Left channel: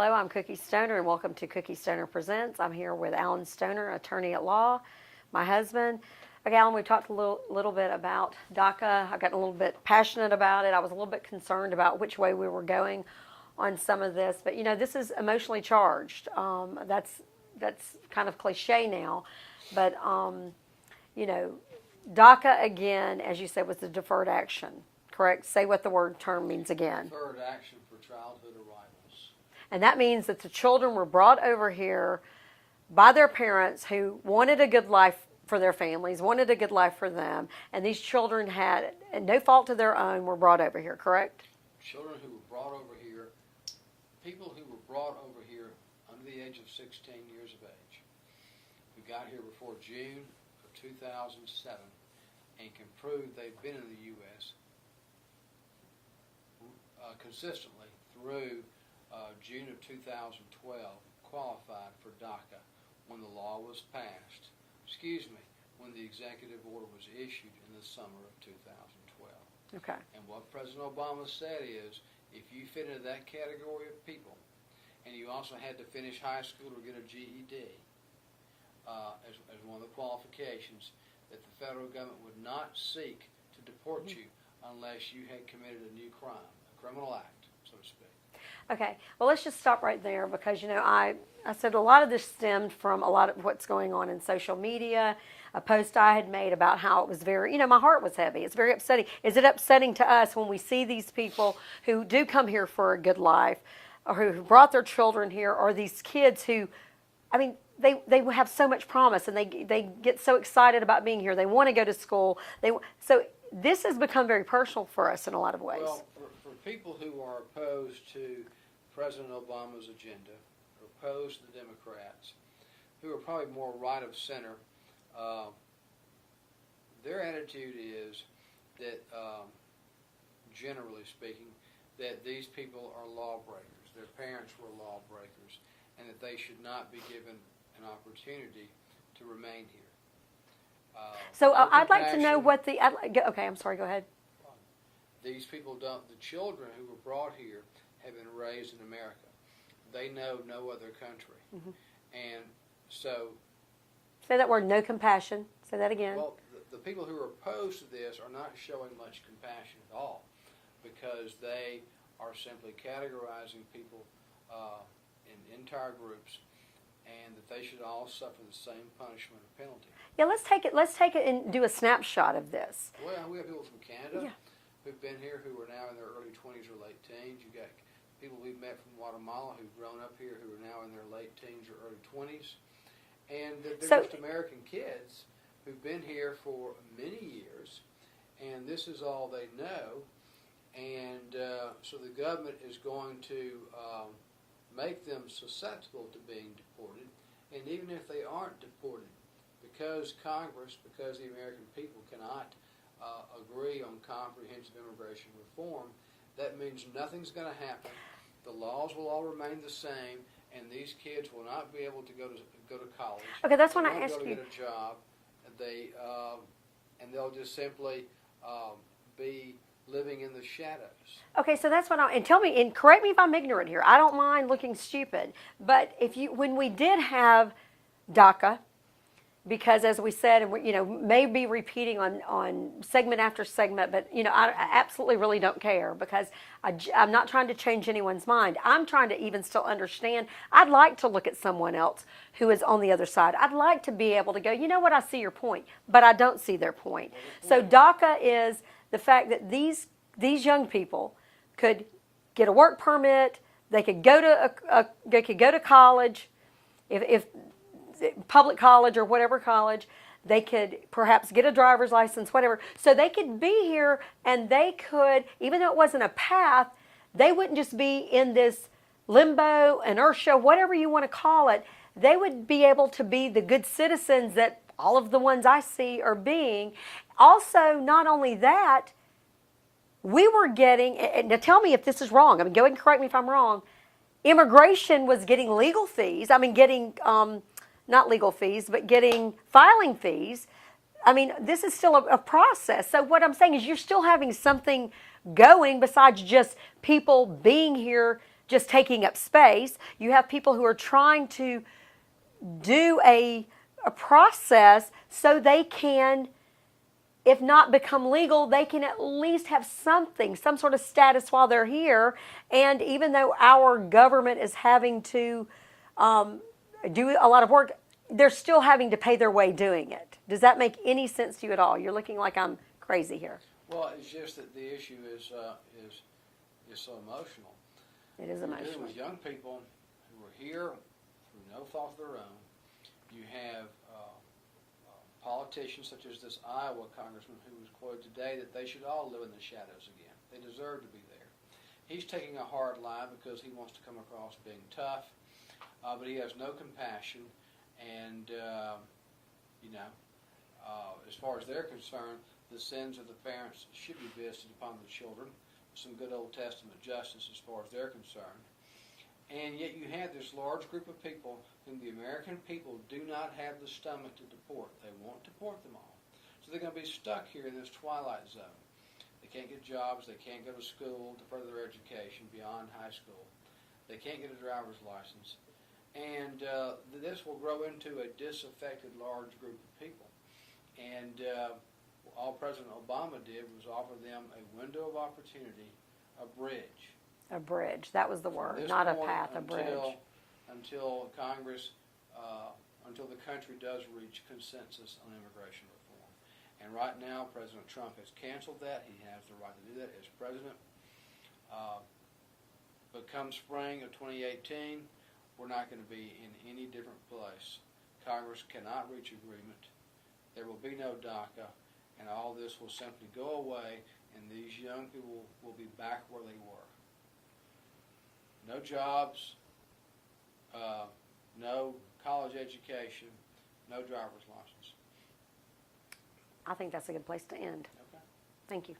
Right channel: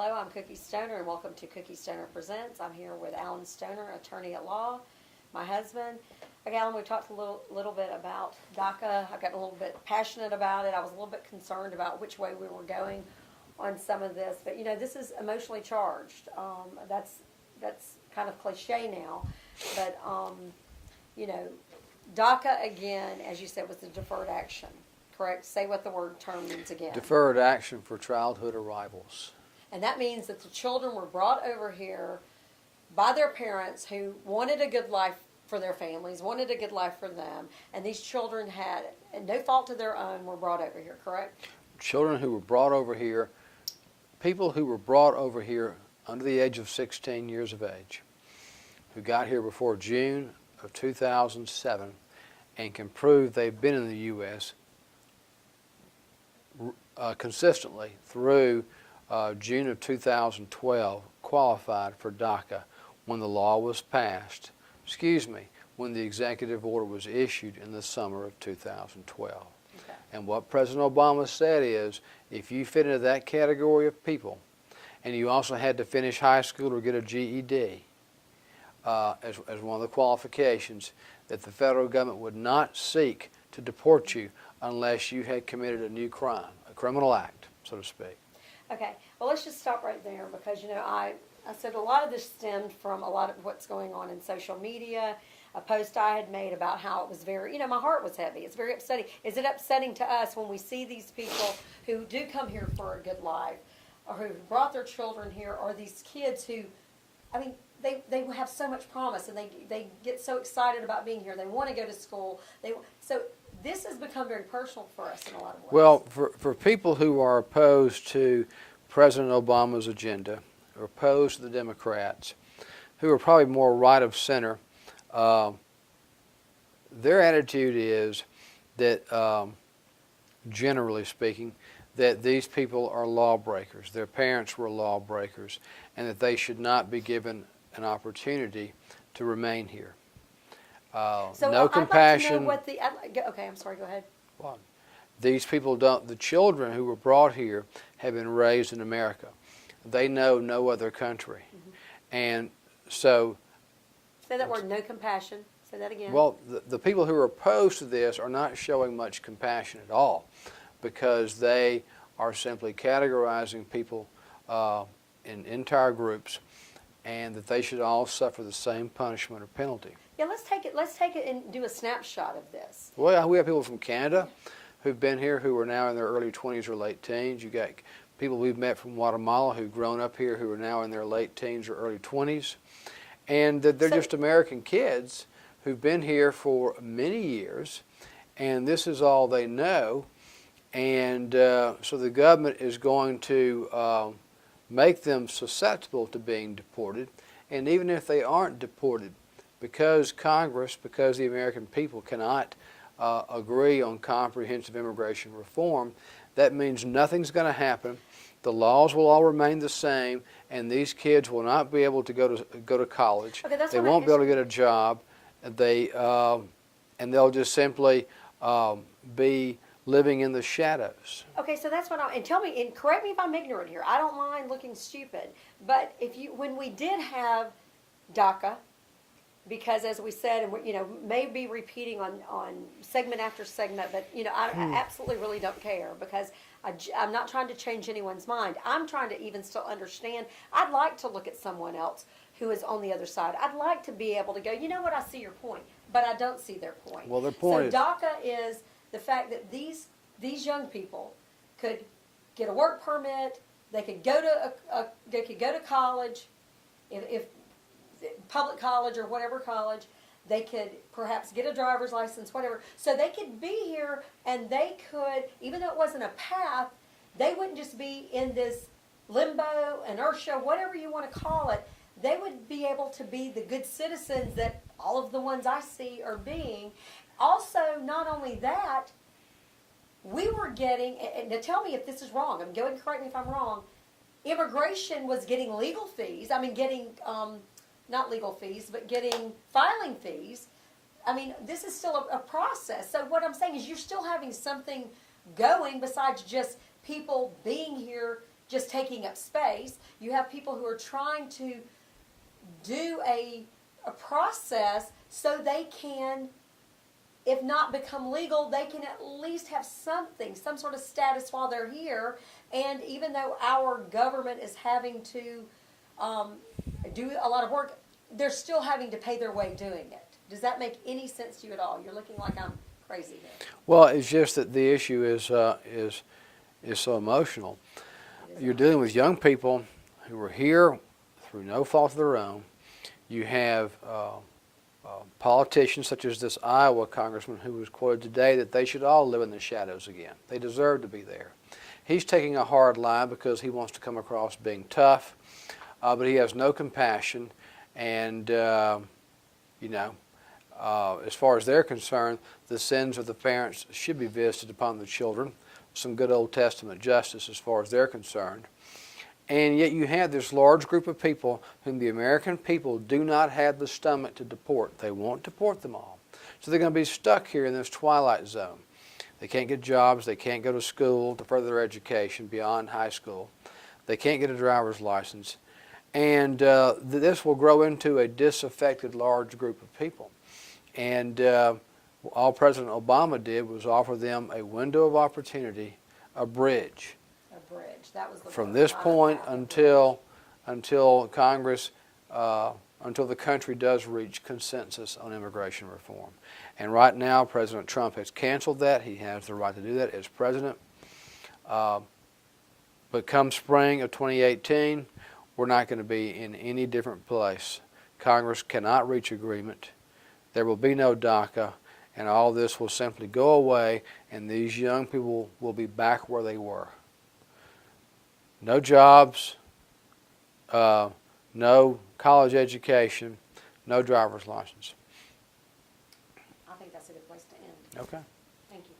Hello, I'm Cookie Stoner, and welcome to Cookie Stoner Presents. I'm here with Alan Stoner, attorney at law, my husband. Okay, Alan, we talked a little bit about DACA. I got a little bit passionate about it. I was a little bit concerned about which way we were going on some of this, but this is emotionally charged. That's kind of cliche now, but DACA again, as you said, was the deferred action. Correct? Say what the word term means again. Deferred action for childhood arrivals. And that means that the children were brought over here by their parents who wanted a good life for their families, wanted a good life for them, and these children had, at no fault of their own, were brought over here, correct? Children who were brought over here, people who were brought over here under the age of 16 years of age, who got here before June of 2007 and can prove they've been in the U.S. Consistently through June of 2012 qualified for DACA when the law was passed, when the executive order was issued in the summer of 2012. Okay. And what President Obama said is, if you fit into that category of people, and you also had to finish high school or get a GED as one of the qualifications, that the federal government would not seek to deport you unless you had committed a new crime, a criminal act, so to speak. Okay, well, let's just stop right there because, I said a lot of this stemmed from a lot of what's going on in social media, a post I had made about how it was very, my heart was heavy. It's very upsetting. Is it upsetting to us when we see these people who do come here for a good life or who brought their children here, or these kids who, they have so much promise and they get so excited about being here. They want to go to school. So this has become very personal for us in a lot of ways. Well, for people who are opposed to President Obama's agenda, or opposed to the Democrats, who are probably more right of center, their attitude is that, generally speaking, that these people are lawbreakers. Their parents were lawbreakers, and that they should not be given an opportunity to remain here. So no I'd compassion. like to know what the. Okay, I'm sorry. Go ahead. These people don't. The children who were brought here have been raised in America. They know no other country, and so. Say that word. No compassion. Say that again. Well, the people who are opposed to this are not showing much compassion at all, because they are simply categorizing people in entire groups, and that they should all suffer the same punishment or penalty. Yeah, let's take it and do a snapshot of this. Well, we have people from Canada who've been here who are now in their early 20s or late teens. You got people we've met from Guatemala who've grown up here who are now in their late teens or early 20s. And they're just American kids who've been here for many years, and this is all they know. And so the government is going to make them susceptible to being deported. And even if they aren't deported, because Congress, because the American people cannot agree on comprehensive immigration reform, that means nothing's going to happen. The laws will all remain the same, and these kids will not be able to go to college. Okay, that's they won't be able to get a job. And they'll just simply be living in the shadows. Okay, so that's what and tell me, and correct me if I'm ignorant here. I don't mind looking stupid, but when we did have DACA, because as we said, and may be repeating on segment after segment, but I absolutely really don't care, because I'm not trying to change anyone's mind. I'm trying to even still understand. I'd like to look at someone else who is on the other side. I'd like to be able to go, you know what, I see your point, but I don't see their point. Well, the point so DACA is the fact that these young people could get a work permit, they could go to college, if public college or whatever college, they could perhaps get a driver's license, whatever. So they could be here, and they could, even though it wasn't a path, they wouldn't just be in this limbo, inertia, whatever you want to call it. They would be able to be the good citizens that all of the ones I see are being. Also, not only that, we were getting, and now tell me if this is wrong, go ahead and correct me if I'm wrong, immigration was getting legal fees, not legal fees, but getting filing fees. This is still a process. So what I'm saying is you're still having something going besides just people being here just taking up space. You have people who are trying to do a process so they can, if not become legal, they can at least have something, some sort of status while they're here. And even though our government is having to do a lot of work, they're still having to pay their way doing it. Does that make any sense to you at all? You're looking like I'm crazy here. Well, it's just that the issue is so emotional. You're dealing with young people who are here through no fault of their own. You have politicians such as this Iowa congressman who was quoted today that they should all live in the shadows again. They deserve to be there. He's taking a hard line because he wants to come across being tough, but he has no compassion. And, as far as they're concerned, the sins of the parents should be visited upon the children. Some good Old Testament justice as far as they're concerned. And yet you have this large group of people whom the American people do not have the stomach to deport. They won't deport them all. So they're going to be stuck here in this twilight zone. They can't get jobs. They can't go to school to further their education beyond high school. They can't get a driver's license. And this will grow into a disaffected large group of people. And all President Obama did was offer them a window of opportunity, a bridge. A bridge. That was the word. From this not a point path, a until Congress, until the country does reach consensus on immigration reform. And right now, President Trump has canceled that. He has the right to do that as president. But come spring of 2018, we're not going to be in any different place. Congress cannot reach agreement. There will be no DACA, and all this will simply go away, and these young people will be back where they were. No jobs, no college education, no driver's license. I think that's a good place to end. Okay. Thank you.